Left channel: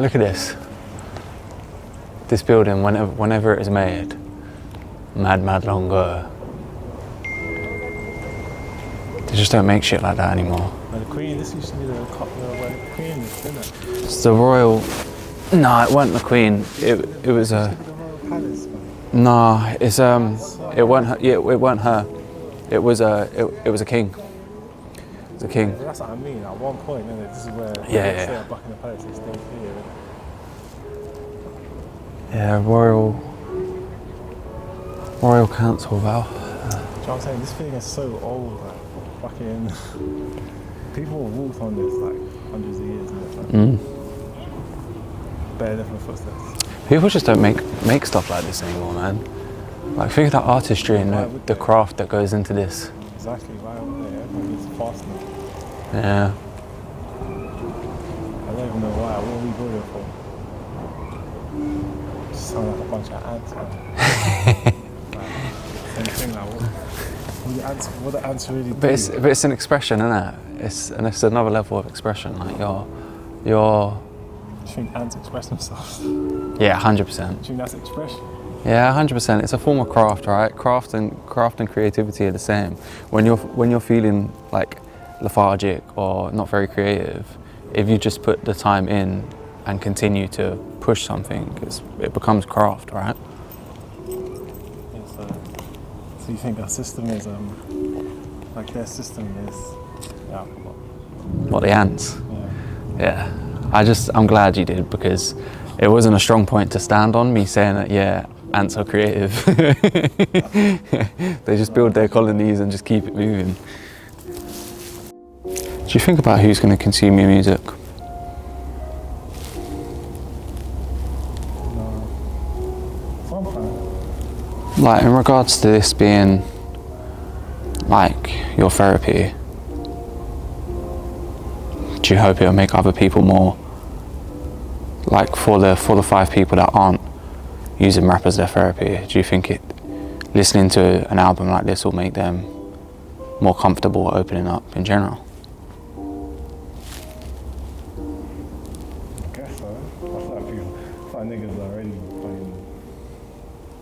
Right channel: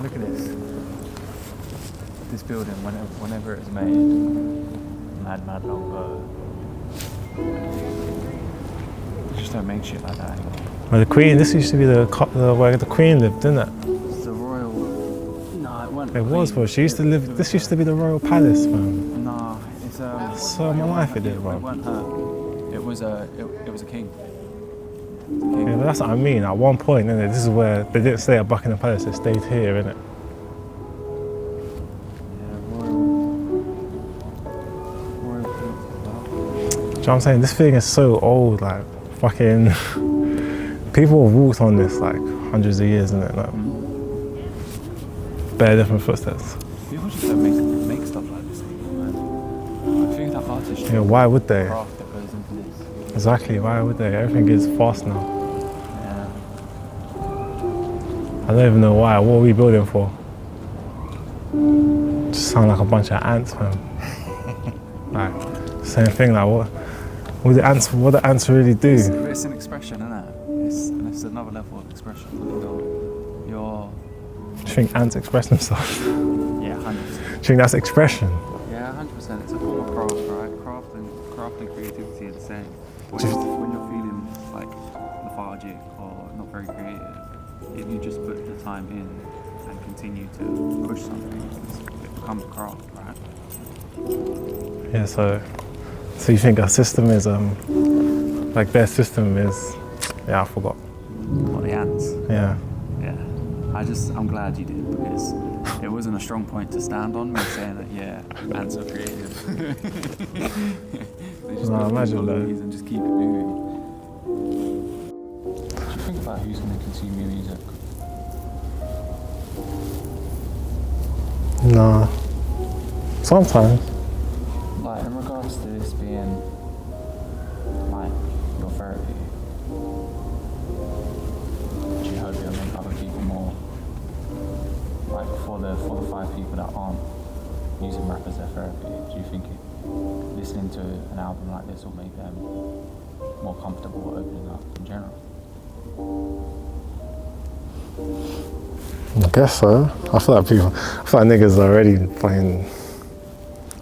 Look at this. This building, whenever it was made, mad long ago. They just don't make shit like that anymore. Well, the Queen, this used to be where the Queen lived, didn't it? It's the royal. No, it wasn't the Queen. She used to live. This used to be the royal palace, man. No, it's So it wasn't. Her, massive, yeah, it wasn't her. It was a. It was a king. It was a king. Yeah, but that's what I mean. At one point, innit, this is where they didn't stay at Buckingham Palace. They stayed here, innit? Yeah, royal council, Val. Do you know what I'm saying? This thing is so old, like fucking. People have walked on this like hundreds of years, innit? Like, bare different footsteps. People just don't make stuff like this anymore, man. Like, think of that artistry and why would the they? craft that goes into this. Exactly. Why would they? Everything is fast now. Yeah. I don't even know why. What are we building for? Just sound like a bunch of ants, man. Like, same thing. Like, what the ants really do? But it's an expression, isn't it? It's another level of expression. Like you're. Do you think ants express themselves? Yeah, 100%. Do you think that's expression? Yeah, 100%. It's a form of craft, right? Craft and creativity are the same. When you're feeling like lethargic or not very creative, if you just put the time in and continue to push something, it becomes craft, right? Yeah. So you think our system is like their system is? Yeah, I forgot. What, the ants? Yeah. Yeah. I'm glad you did, because it wasn't a strong point to stand on, me saying that, yeah, ants are creative. They just build their colonies and just keep it moving. Do you think about who's going to consume your music? No. Sometimes. Like, in regards to this being, like, your therapy, do you hope it'll make other people more, like, for the 5 people that aren't using rap as their therapy, do you think listening to an album like this will make them more comfortable opening up in general? I guess so. I feel like niggas are already fucking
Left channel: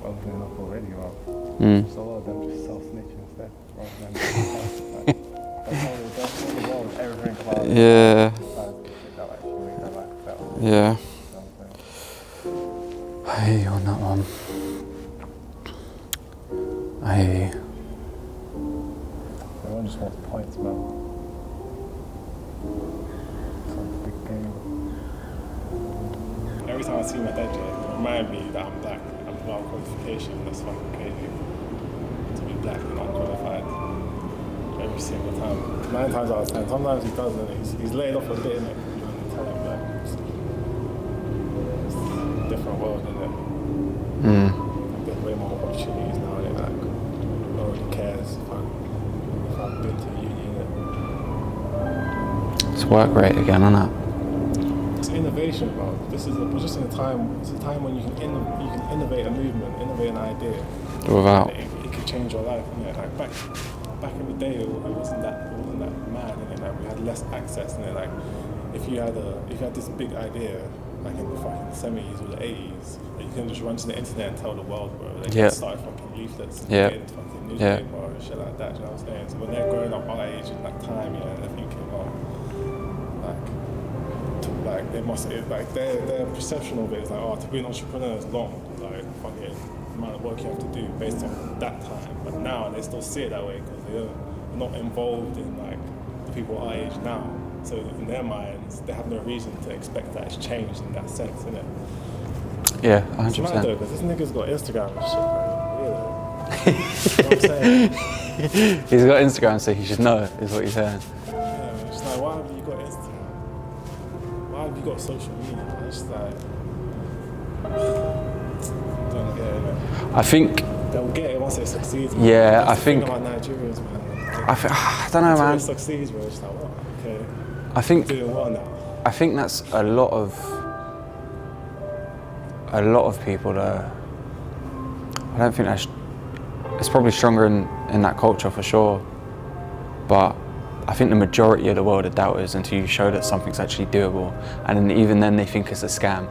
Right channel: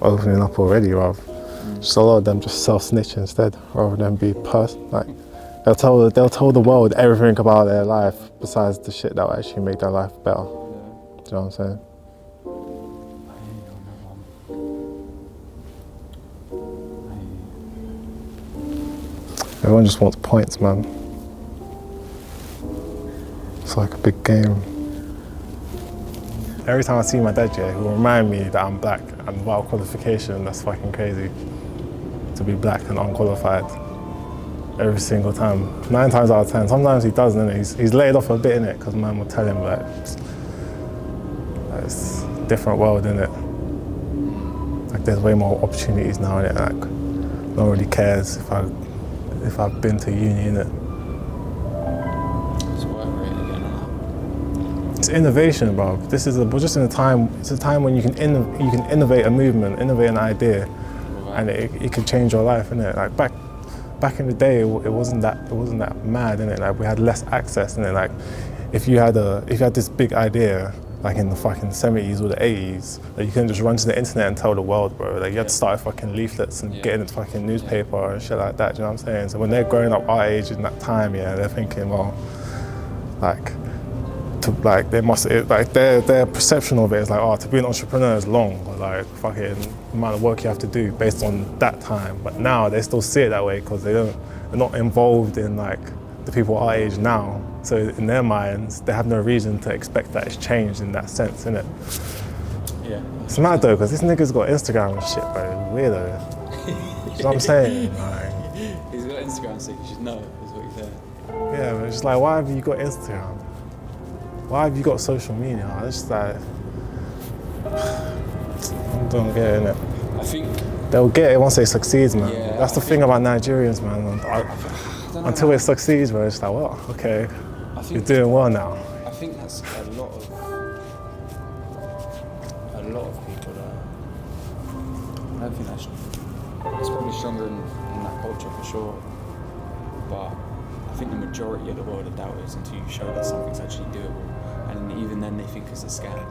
opening up already, rather. Just a lot of them just self-snitch instead, rather than being person. Like, they'll tell the world everything about their life besides the shit that will actually make their life better. Yeah. Do you know what I'm saying? I hear you on that one. I hear you. Everyone just wants points, man. It's like a big game. Every time I see my dad, yeah, he'll remind me that I'm black and without qualification. That's fucking crazy. To be black and unqualified. Every single time. 9 times out of 10. Sometimes he doesn't, innit? He's laid off a bit, innit? Because man will tell him, like, it's a different world, innit? Like, there's way more opportunities now, innit? Like, no one really cares if I've been to uni, innit? It's work rate again, isn't it? It's innovation, bro. We're just in a time. It's a time when you can innovate a movement, innovate an idea, and it could change your life, innit? Like back in the day, it wasn't that mad, innit? Like, we had less access, innit? Like, if you had this big idea, like in the fucking 70s or the 80s, like, you couldn't just run to the internet and tell the world, bro. Like, you had to start fucking leaflets and get in the fucking newspaper and shit like that. Do you know what I'm saying? So when they're growing up our age in that time, yeah, they're thinking, well, their perception of it is like, oh, to be an entrepreneur is long, like fucking amount of work you have to do based on that time. But now they still see it that way because they're not involved in like the people our age now. So in their minds, they have no reason to expect that it's changed in that sense, innit? Yeah, 100%. It's mad though, because this nigga's got Instagram and shit, bro. Weirdo. You know what I'm saying? Like, he's got Instagram, so he should know, is what you're saying. Yeah, but it's just like, why have you got Instagram? Why have you got social media? It's just like, I don't get it, innit? I think they'll get it once they succeed, man. Yeah, that's the thing about Nigerians, man. I don't know, until man. it succeeds, bro, it's like, well, okay, I think you're doing well now. I think that's a lot of people that I don't think it's probably stronger in that culture for sure, but I think the majority of the world are doubters until you show that something's actually doable, and then even then they think it's a scam.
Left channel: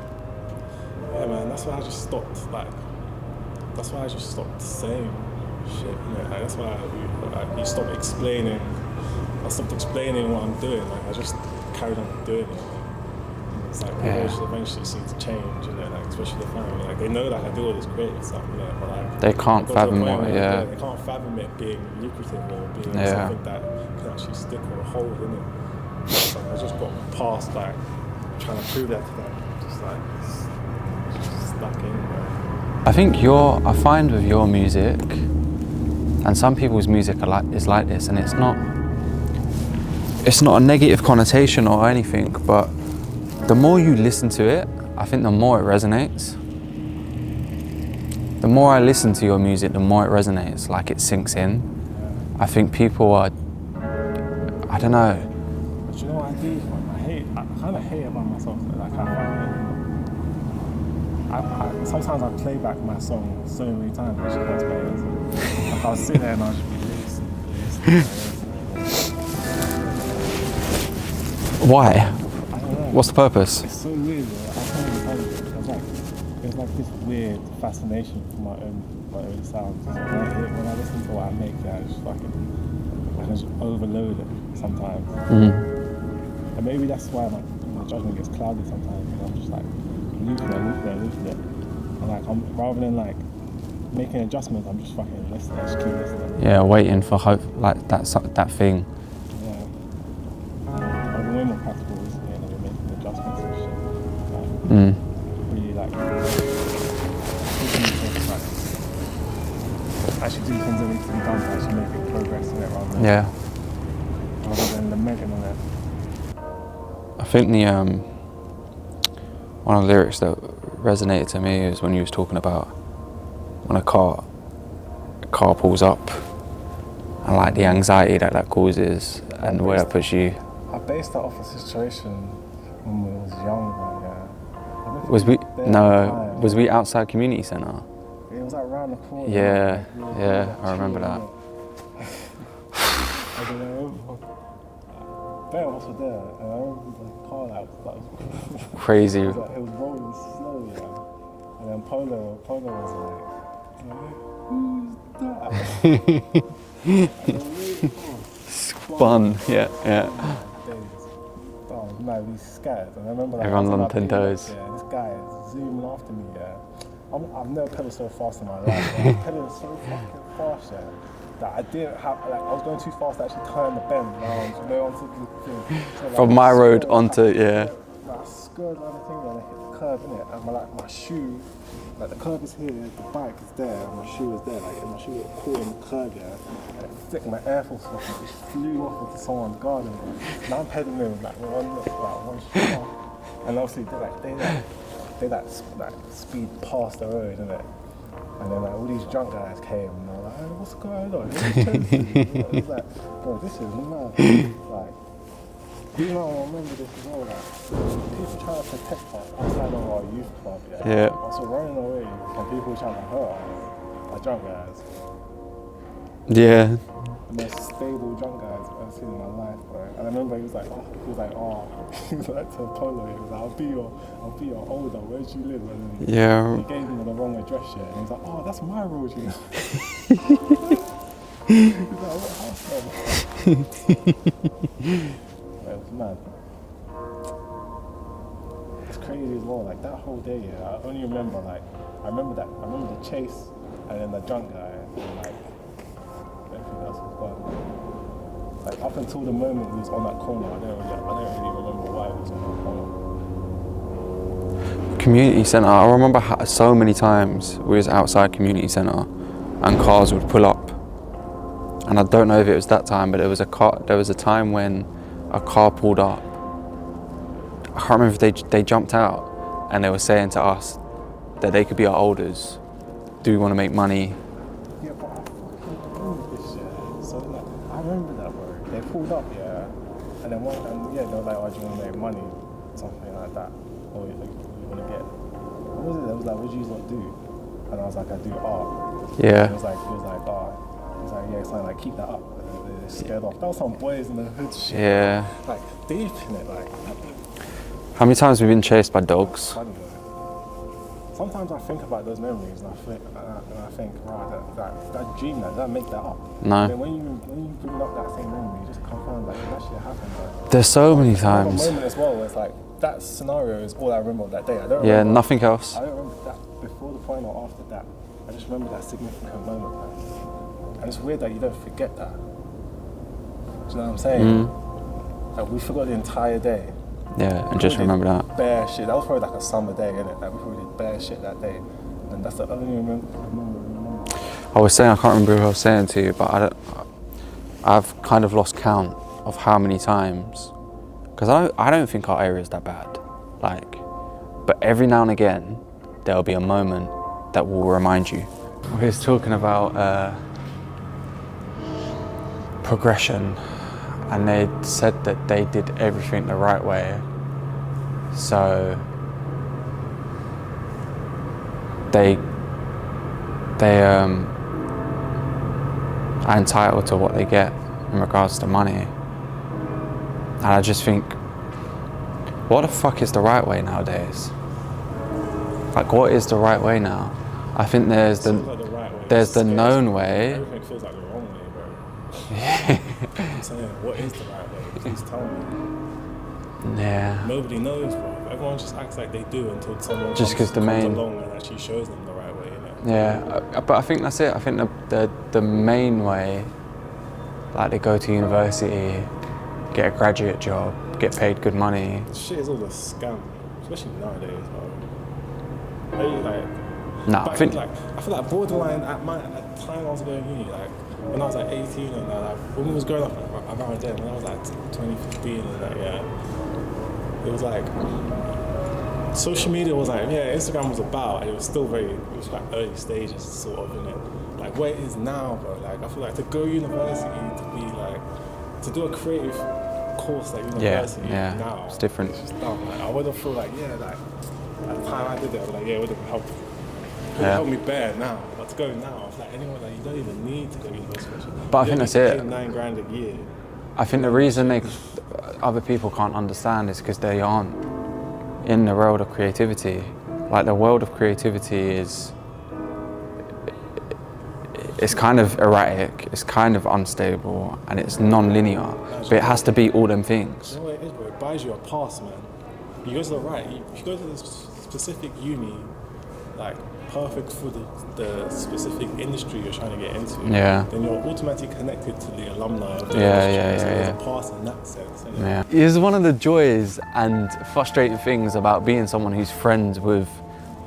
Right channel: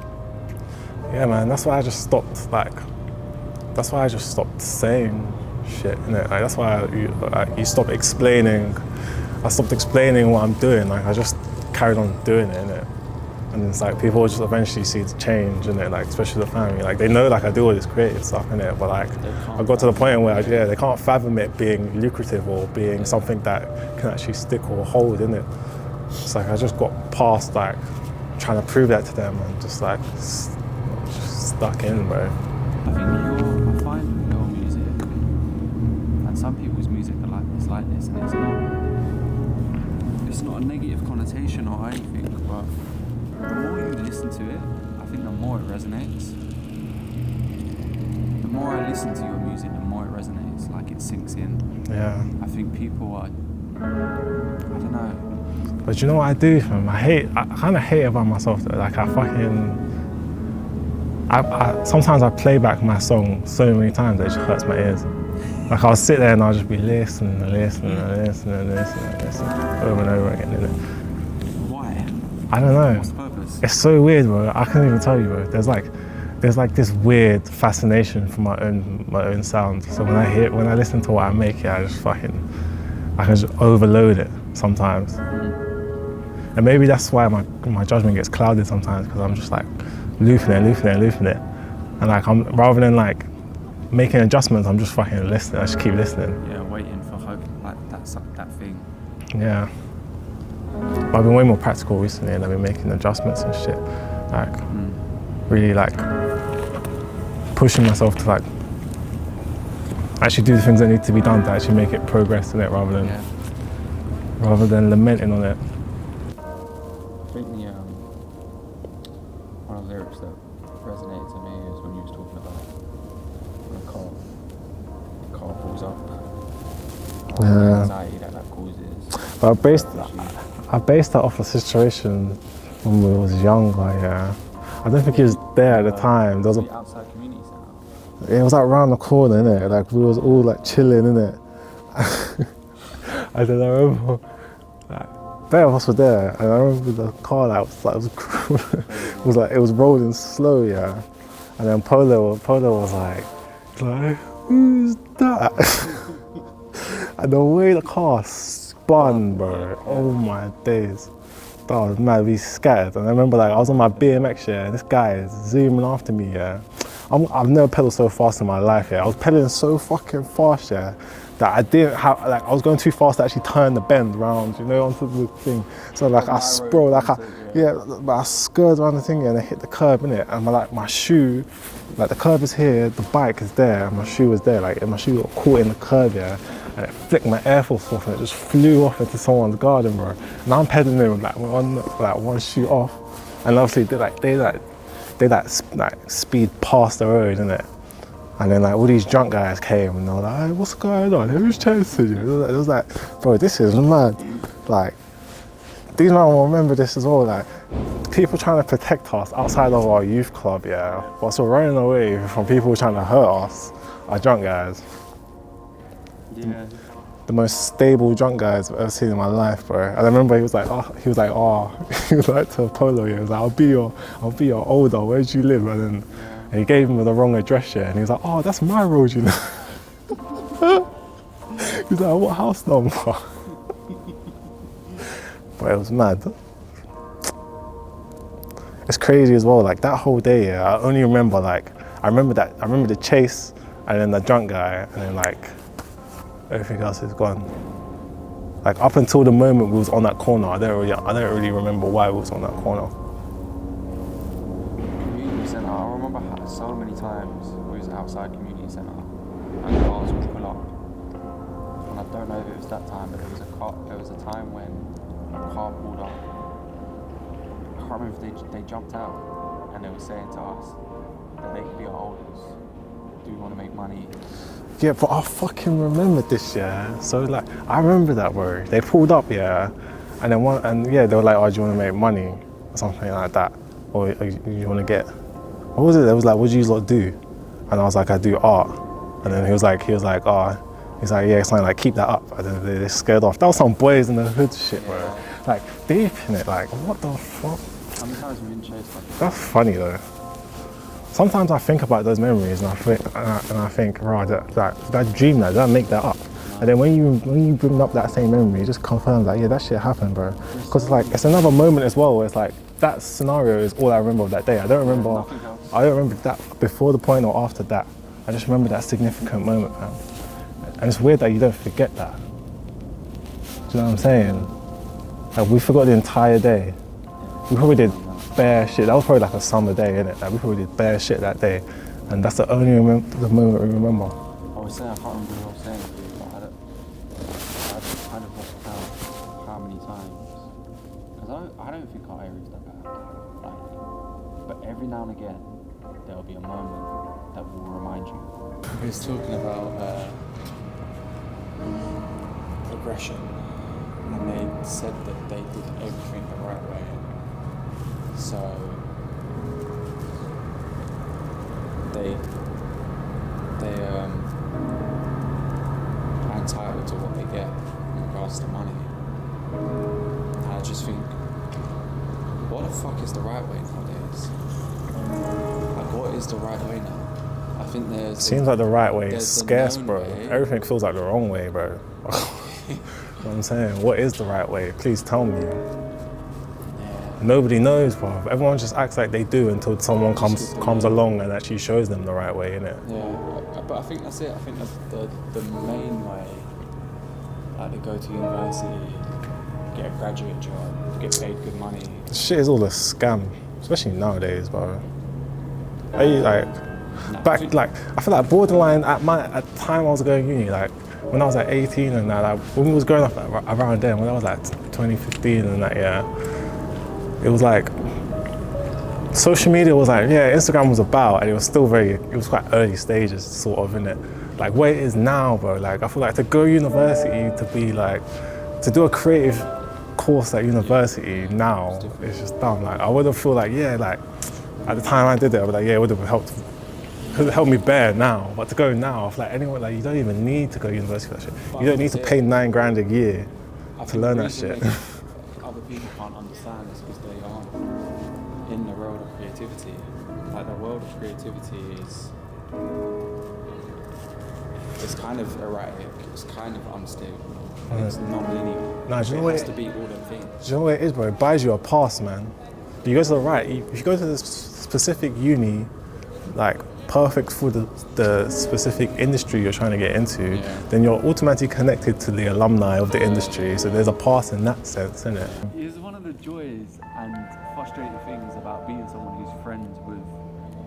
Yeah, man, that's why I just stopped saying shit, innit? Like, that's why you stop explaining. I stopped explaining what I'm doing. Like, I just carried on doing it, innit? And it's like people just eventually see the change, innit? Like, especially the family. Like, they know, like, I do all this creative stuff, innit? But like, they can't. I got to the point where they can't fathom it being lucrative or being something that can actually stick or hold, innit? It's like I just got past like trying to prove that to them and just like stuck in, bro. I think I find with your music, and some people's music is like this, and it's not a negative connotation or anything, but the more you listen to it, I think the more it resonates. The more I listen to your music, the more it resonates, like it sinks in. Yeah. I think people are, I don't know. But you know what I do, fam? I kind of hate about myself though. Like sometimes I play back my song so many times that it just hurts my ears. Like I'll sit there and I'll just be listening over and over again. Why? I don't know. What's the purpose? It's so weird, bro. I can't even tell you, bro. There's like this weird fascination for my own sound. So when I listen to what I make, I can just overload it sometimes. And maybe that's why my judgment gets clouded sometimes, because I'm just like looping it. And like rather than like making adjustments, I'm just fucking listening. I just keep listening. Yeah, waiting for hope, like that thing. Yeah. I've been way more practical recently, and I've been making adjustments and shit. Like really like pushing myself to like actually do the things that need to be done to actually make it progress in it, rather than lamenting on it. I think one of the lyrics that resonated to me is when you was talking about when a car pulls up and like the anxiety that causes and where it puts you. I based that off a situation when we was younger, yeah. I don't think it was there at the time. Was we outside community centre? Yeah, it was like round the corner, innit? Like we was all like chilling, innit? I remember better of us were there, and I remember the car that was crazy. It was rolling slow, yeah. And then Polo was like, who's that? And the way the car spun, bro. Oh my days. That was mad, we scattered. And I remember like I was on my BMX, and this guy is zooming after me, yeah. I've never pedaled so fast in my life, yeah. I was pedaling so fucking fast, yeah, that I didn't have, like, I was going too fast to actually turn the bend round, onto the thing. So like, from my road onto, I skirted around the thing and I hit the curb, innit? And my shoe, like the curb is here, the bike is there, and my shoe was there, like, and my shoe got caught in the curb, yeah. And it flicked my Air Force off and it just flew off into someone's garden, bro. And I'm pedaling with like one shoe off. And obviously they speed past the road, innit? And then like all these drunk guys came and they were like, hey, what's going on? Who's chasing you? It was like, bro, this is mad. Like, these men will remember this as well, like, people trying to protect us outside of our youth club, yeah. But we're running away from people trying to hurt us, our drunk guys. Yeah. The most stable drunk guys I've ever seen in my life, bro. And I remember he was like to Polo, he was like, I'll be your older, where do you live? And then he gave him the wrong address, yeah, and he was like, oh, that's my road, you know. He was like, what house number? But it was mad. It's crazy as well, like that whole day, yeah, I only remember like, I remember the chase and then the drunk guy, and then like, everything else is gone. Like up until the moment we was on that corner, I don't really remember why we was on that corner. Community centre, I remember so many times we was outside community centre and cars would pull up. And I don't know if it was that time, but there was a time when a car pulled up. I can't remember if they jumped out and they were saying to us that they could be our elders. Do we want to make money? Yeah, but I fucking remember this, yeah. So like, I remember that, bro. They pulled up, yeah, and then they were like, oh, do you want to make money or something like that, or you want to get? What was it? They was like, what do you lot do? And I was like, I do art. Yeah. And he was like, oh, He's like, yeah, something like, keep that up. And then they're scared off. That was some boys in the hood shit. Yeah. Bro. Like, deep in it, like, what the fuck? How many times have we been chased by dogs? That's funny though. Sometimes I think about those memories and I think, right, did I dream that? Did I make that up? No. And then when you bring up that same memory, it just confirms like, yeah, that shit happened, bro. There's so many it's times. another moment as well where it's like, that scenario is all I remember of that day. I don't remember. Yeah, nothing else. I don't remember that before the point or after that. I just remember that significant moment, man. And it's weird that you don't forget that. Do you know what I'm saying? Like, we forgot the entire day. Yeah, We we probably just did remember that. bare shit. That was probably like a summer day, innit? Like, we probably did bare shit that day. And that's the only the moment we remember. I was saying, I can't remember what I was saying to you, but I've kind of lost count of how many times, because I don't think our area is that bad. Like, but every now and again, there'll be a moment that will remind you. We was talking about progression, and they said that they did everything the right way. So they are entitled to what they get in regards to money. And I just think, what the fuck is the right way nowadays? Like, what is the right way now? I think Seems like the right way. There's the scarce, known bro. way. Everything feels like the wrong way, bro. You know what I'm saying? What is the right way? Please tell me. Yeah. Nobody knows, bro. Everyone just acts like they do until someone comes along and actually shows them the right way, innit? Yeah, but I think that's it. I think the main way, like, they go to university, get a graduate job, get paid good money. This shit is all a scam, especially nowadays, bro. Are you like? No, I feel like borderline at the time I was going uni, like when I was like 18 and that, like when we was growing up around then, when I was like 2015 and that, yeah, it was like social media was like, yeah, Instagram was about, and it was still it was quite early stages, sort of, in it. Like where it is now, bro. Like I feel like to go to university, to be like, to do a creative course at university now, it's different. It's just dumb. Like I would have felt like, yeah, like at the time I did it, I was like, yeah, it would have helped. Could help me bear now, but to go now, I feel like anyone, like, you don't even need to go to university for that shit. But you don't need to pay $9,000 a year. I think the reason other people can't understand is because they aren't in the world of creativity. Like, the world of creativity it's kind of erratic, it's kind of unstable, and it's non-linear. But it has to be all them things. Do you know what it is, bro? It buys you a pass, man. You go to the right, if you go to this specific uni, like, perfect for the specific industry you're trying to get into, then you're automatically connected to the alumni of the industry. So there's a pass in that sense, isn't it? Yeah. It's one of the joys and frustrating things about being someone who's friends with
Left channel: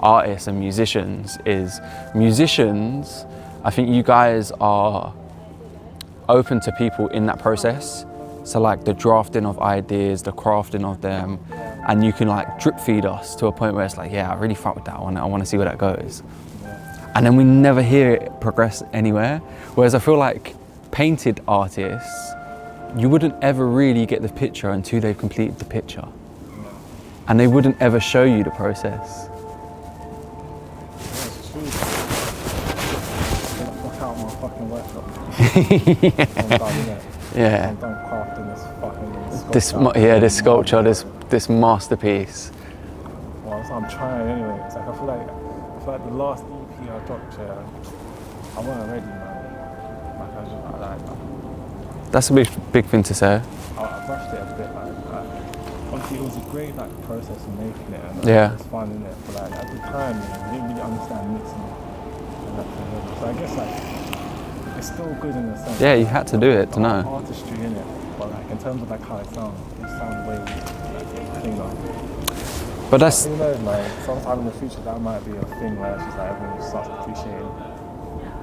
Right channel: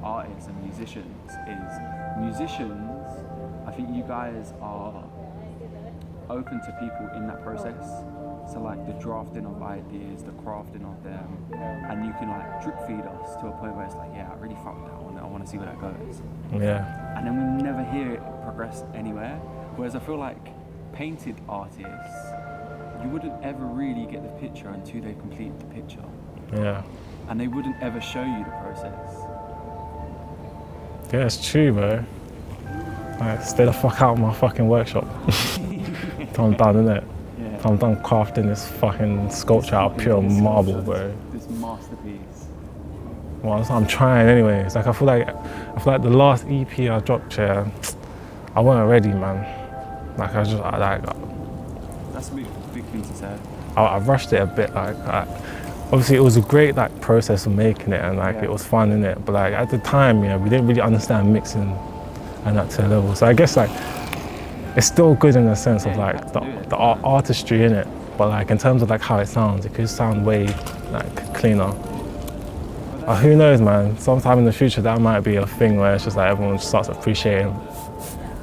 artists and musicians is musicians, I think you guys are open to people in that process. So like the drafting of ideas, the crafting of them, and you can like drip feed us to a point where it's like, yeah, I really fuck with that one. I want to see where that goes. Yeah. And then we never hear it progress anywhere. Whereas I feel like painted artists, you wouldn't ever really get the picture until they've completed the picture. Yeah. And they wouldn't ever show you the process. Yeah, it's true, bro. Stay the fuck out of my fucking workshop. I'm done, innit? Yeah. I'm done crafting this fucking sculpture. This sculpture, this masterpiece. Well, I'm trying anyway. It's like I feel like the last EP I dropped here, I wasn't ready, man. Like That's a big thing to say. I rushed it a bit. Like obviously it was a great like process of making it, and like it was fun, innit? But like at the time, we didn't really understand mixing and that to a level. So I guess like it's still good in a sense. Yeah, of, you like, had to do it. The artistry in it, but like in terms of like how it sounds, it could sound way like cleaner. But who knows, man? Sometime in the future that might be a thing where it's just like everyone just starts appreciating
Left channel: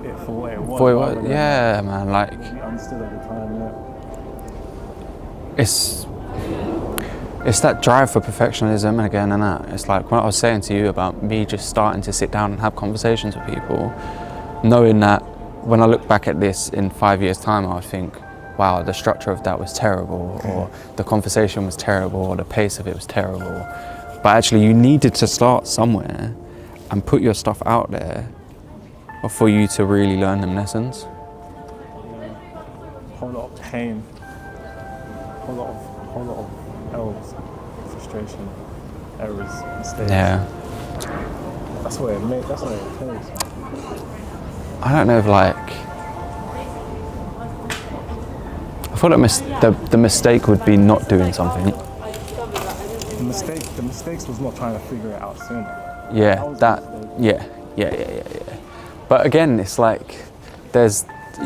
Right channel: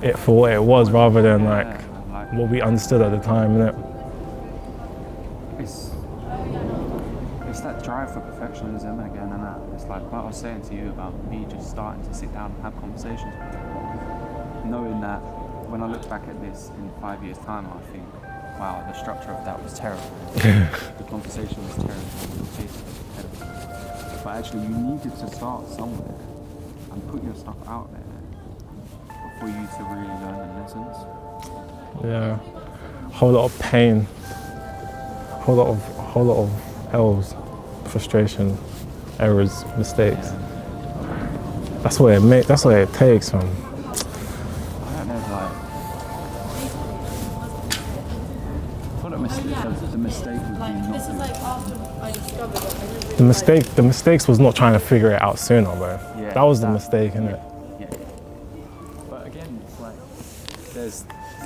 it for what it was, rather than what we understood at the time, innit? It's that drive for perfectionism again, and that. It's like what I was saying to you about me just starting to sit down and have conversations with people, knowing that when I look back at this in 5 years' time, I would think, wow, the structure of that was terrible, or the conversation was terrible, or the pace of it was terrible. But actually, you needed to start somewhere and put your stuff out there for you to really learn them lessons. Yeah, whole lot of pain, whole lot of L's, frustration, errors, mistakes. Yeah. That's what it takes, man. I don't know if like, I feel like the mistake would be not doing something. The mistakes was not trying to figure it out sooner, bro. Yeah. That was the mistake. Yeah. But again, it's like,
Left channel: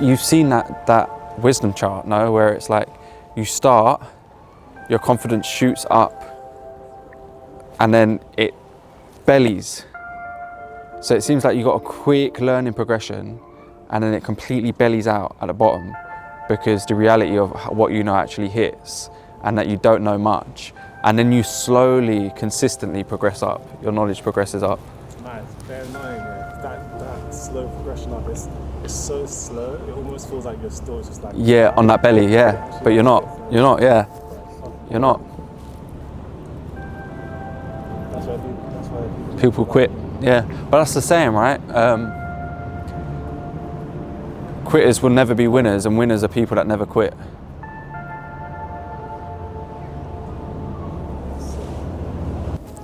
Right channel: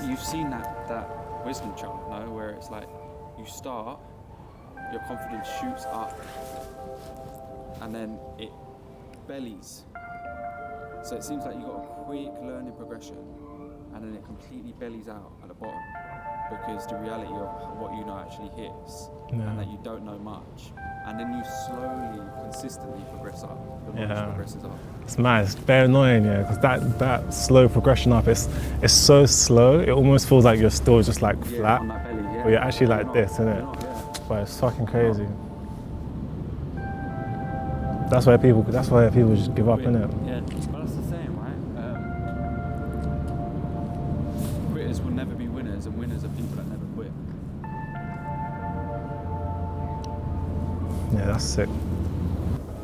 you've seen that wisdom chart, no? Where it's like, you start, your confidence shoots up, and then it bellies. So it seems like you got a quick learning progression, and then it completely bellies out at the bottom, because the reality of what you know actually hits, and that you don't know much. And then you slowly, consistently progress up. Your knowledge progresses up. It's mad. It's very annoying, yeah, because that slow progression up, it's so slow. It almost feels like you're still just like flat. On that belly, yeah. But you're not. You're not, yeah. But it's fucking crazy. You're not. That's why people just People give quit. Up, innit? Yeah, but that's the saying, right? Quitters will never be winners, and winners are people that never quit. Yeah, that's sick.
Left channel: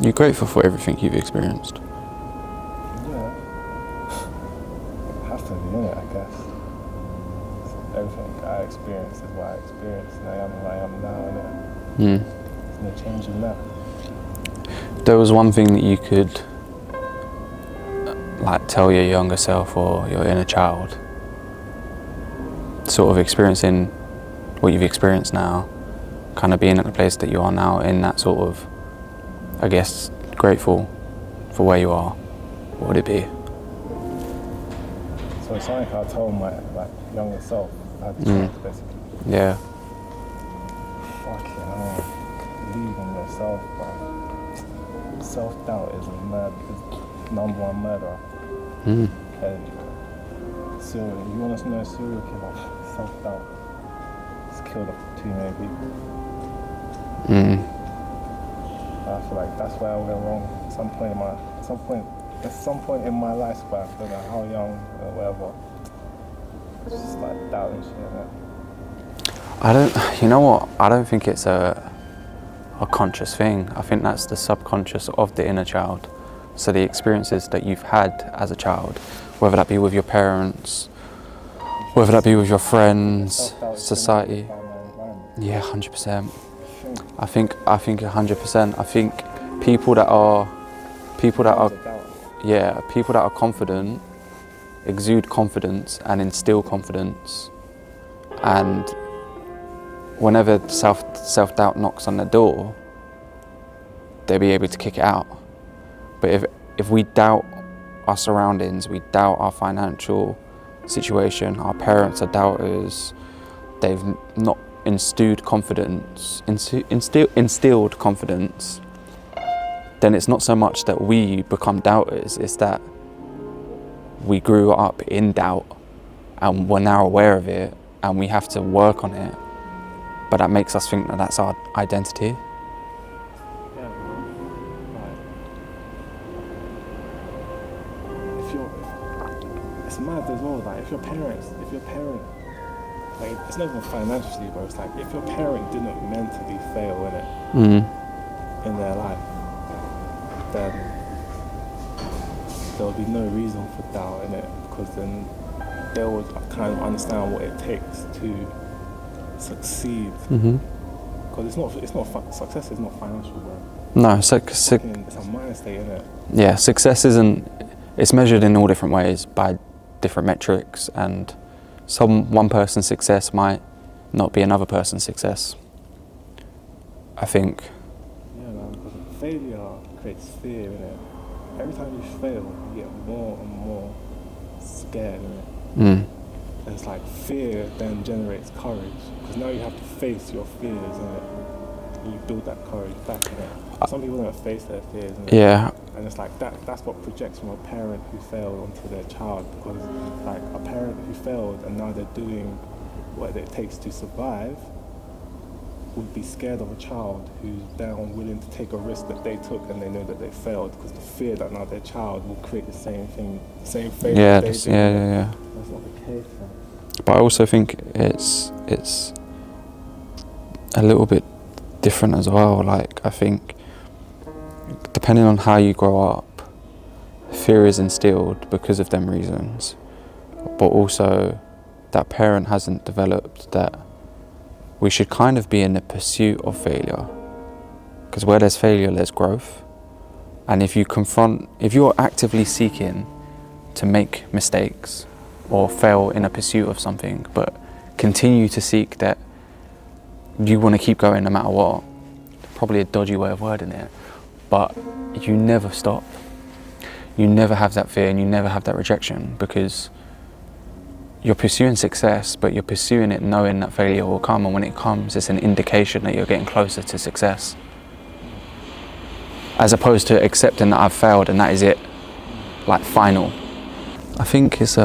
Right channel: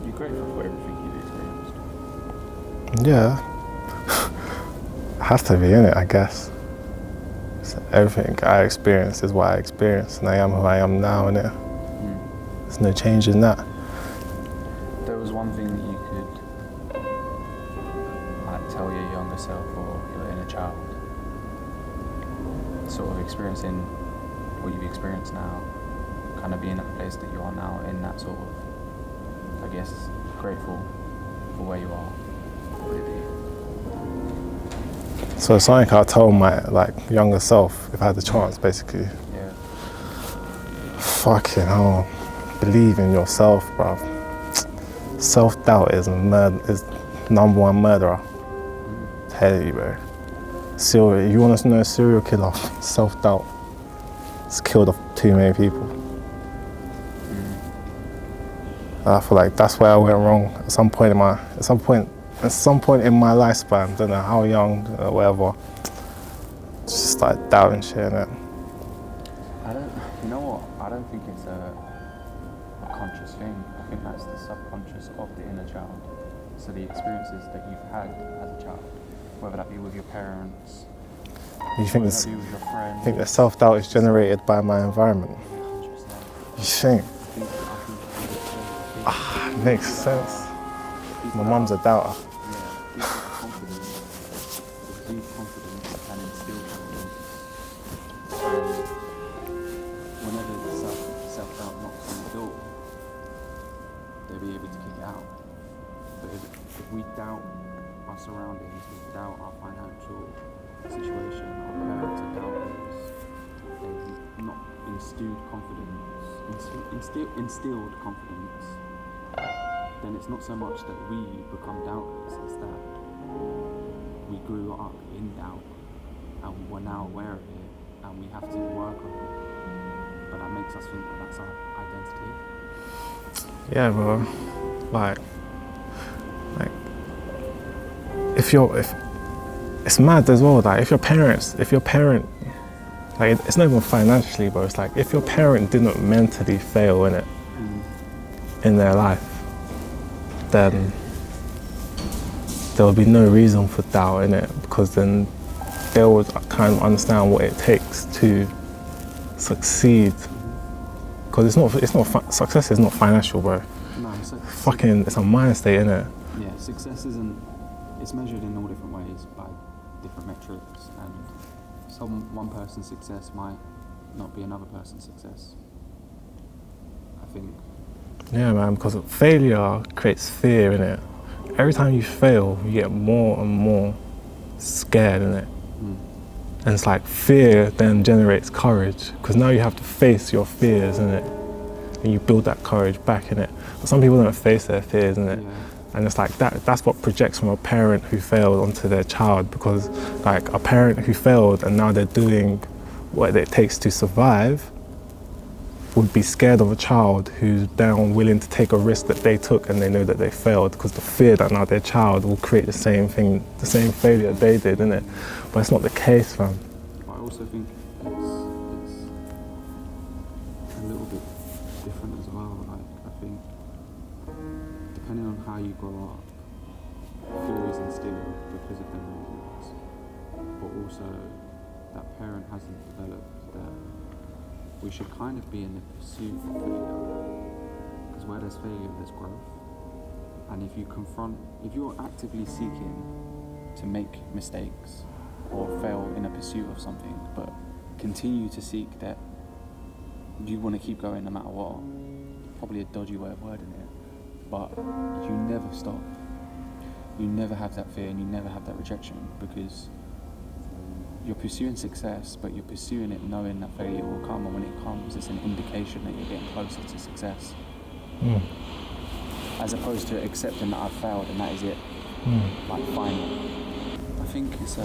You're grateful for everything you've experienced. Yeah. Has to be, innit, I guess. So everything I experienced is what I experienced, and I am who I am now, innit? There's no change in that. There was one thing that you could like tell your younger self or your inner child, sort of experiencing what you've experienced now, kind of being at the place that you are now, in that sort of, I guess, grateful for where you are, what would it be? So it's something I'll tell my younger self if I had the chance, basically. Yeah. Fucking hell, believe in yourself, bruv. Self-doubt is number one murderer. Tell you, bro. You want to know a serial killer? Self-doubt. It's killed off too many people. I feel like that's where I went wrong at some point in my lifespan. Don't know how young or whatever. Just started doubting shit, innit? You know what? I don't think it's a conscious thing. I think that's the subconscious of the inner child. So the experiences that you've had as a child, whether that be with your parents, whether that be with your friends, I think the self-doubt is society. generated by my environment. Yeah, 100%. You think? I think 100%. I think people that are a doubter. Yeah, people that are confident exude confidence and instill confidence, and whenever self-doubt knocks on the door, they'll be able to kick it out. But if we doubt our surroundings, we doubt our financial situation, our parents are doubters, they've not instilled confidence, then it's not so much that we become doubters, it's that we grew up in doubt and we're now aware of it and we have to work on it. But that makes us think that that's our identity. Yeah, bro. If it's mad as well. Like if your parent, like it's not even financially, but it's like if your parent didn't mentally fail in it, in their life, then there would be no reason for doubt in it, because then they would kind of understand what it takes to succeed. Because success is not financial, bro. No, it's a mind state, innit? Yeah, success it's measured in all different ways by different metrics, and one person's success might not be another person's success, I think. Yeah, man, because failure creates fear, innit? Every time you fail, you get more and more scared, innit? And it's like fear then generates courage, because now you have to face your fears, innit? And you build that courage back, innit? Some people don't face their fears, innit? Yeah. And it's like that's what projects from a parent who failed onto their child, because like a parent who failed and now they're doing what it takes to survive would be scared of a child who's down willing to take a risk that they took and they know that they failed, because the fear that now their child will create the same thing, the same failure that they did. Yeah. But it's not the case, fam. But I also think it's a little bit different as well. Like, I think depending on how you grow up, fear is instilled because of them reasons, but also that parent hasn't developed that we should kind of be in the pursuit of failure, because where there's failure there's growth. And if you're actively seeking to make mistakes or fail in a pursuit of something, but continue to seek that you want to keep going no matter what, probably a dodgy way of wording it, but you never stop. You never have that fear and you never have that rejection, because you're pursuing success, but you're pursuing it knowing that failure will come, and when it comes, it's an indication that you're getting closer to success. As opposed to accepting that I've failed and that is it, like final. I think it's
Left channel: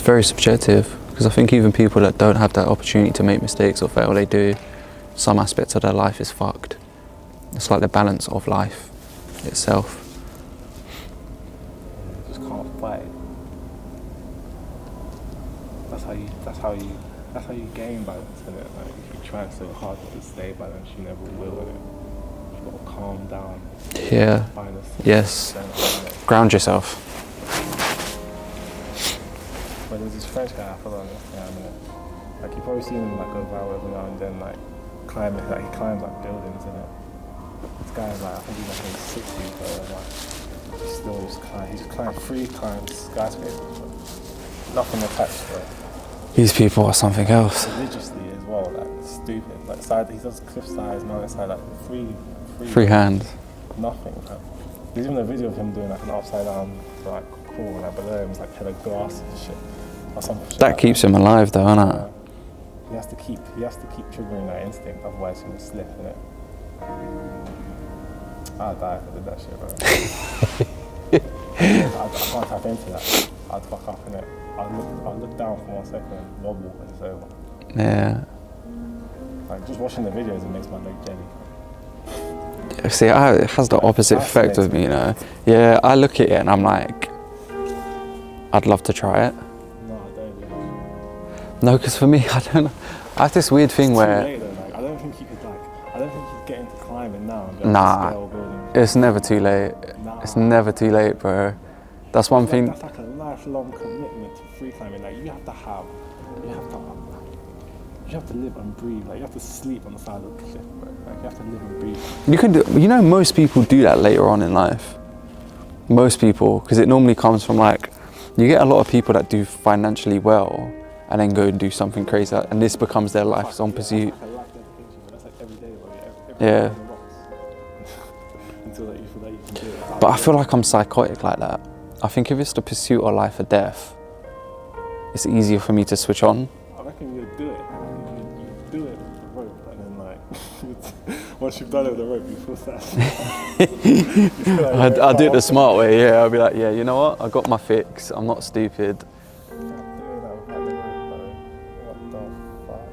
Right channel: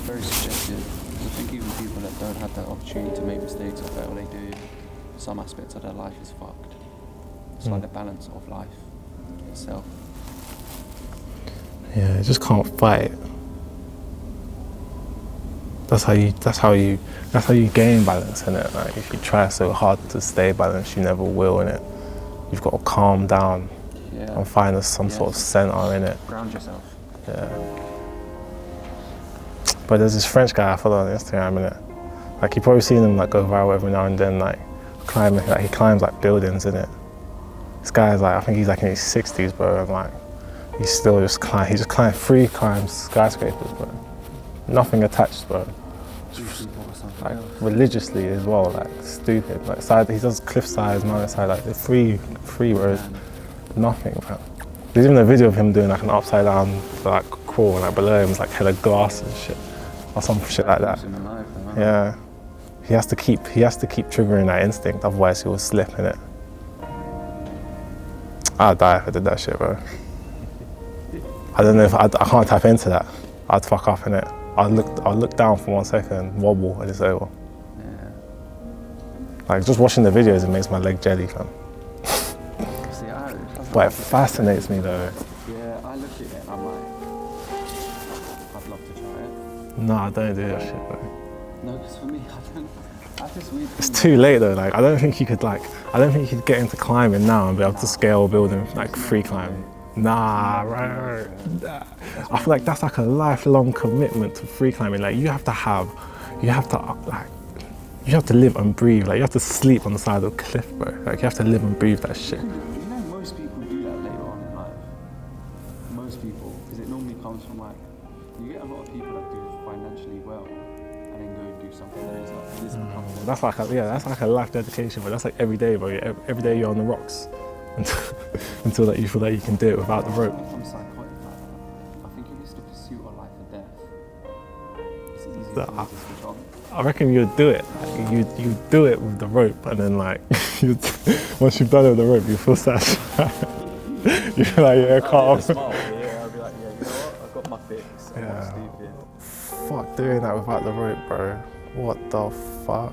very subjective, because I think even people that don't have that opportunity to make mistakes or fail, they do. Some aspects of their life is fucked. It's like the balance of life itself. Yeah, you just can't fight. That's how you gain balance, innit? Like, if you try so hard to stay balanced, you never will, innit? You've got to calm down. Yeah. And find some sort of center in it. Ground yourself. Yeah. But there's this French guy I follow on Instagram, innit? Like, you've probably seen him like go viral every now and then, like climbing. Like, he climbs like buildings, innit? This guy's like, I think he's like in his 60s, but like, he just climbs free climbs skyscrapers, but nothing attached, but. These people are something else. Religiously as well, like stupid. Like he does cliff sides, mountain side, like the free hand. Nothing, bro. There's even a video of him doing like an upside down like crawl, and like below him is like hella glass and shit, or some shit. That keeps him alive, though, doesn't it? Yeah. He has to keep triggering that instinct, otherwise he will slip in it. I'd die if I did that shit, bro. I don't know if I can't tap into that. I'd fuck up in it. I'll look down for 1 second, wobble, and it's over. Yeah. Like, just watching the videos, it makes my leg jelly, fam. See, it has the opposite effect with me, you know? Yeah, I look at it and I'm like, I'd love to try it. No, I don't do that shit, bro. No, because for me, I don't know. I have this weird thing it's where... too late, though. Like, I don't think you could get into climbing now and be able to scale a building. It's never too late. Nah, it's never too late, bro. That's one thing. Like, that's like a lifelong commitment to free climbing. Like, you have to live and breathe. Like, you have to sleep on the side of a cliff, bro. Like, you have to live and breathe that shit. You know, most people do that later on in life. Most people, because it normally comes from like, you get a lot of people that do financially well and then go and do something crazy, and this becomes their lifelong pursuit. That's like a life dedication, but that's like every day, bro. Every day on the rocks until that you feel that you can do it without. But I feel like I'm psychotic like that. I think if it's the pursuit of life or death, it's easier for me to switch on. I reckon you'd do it. You do it with the rope, and then like, once you've done it with the rope, you feel satisfied. I'll do it the smart way, yeah. I'll be like, yeah, you know what? I got my fix. I'm not stupid. Fuck doing that without the rope, bro. What the fuck?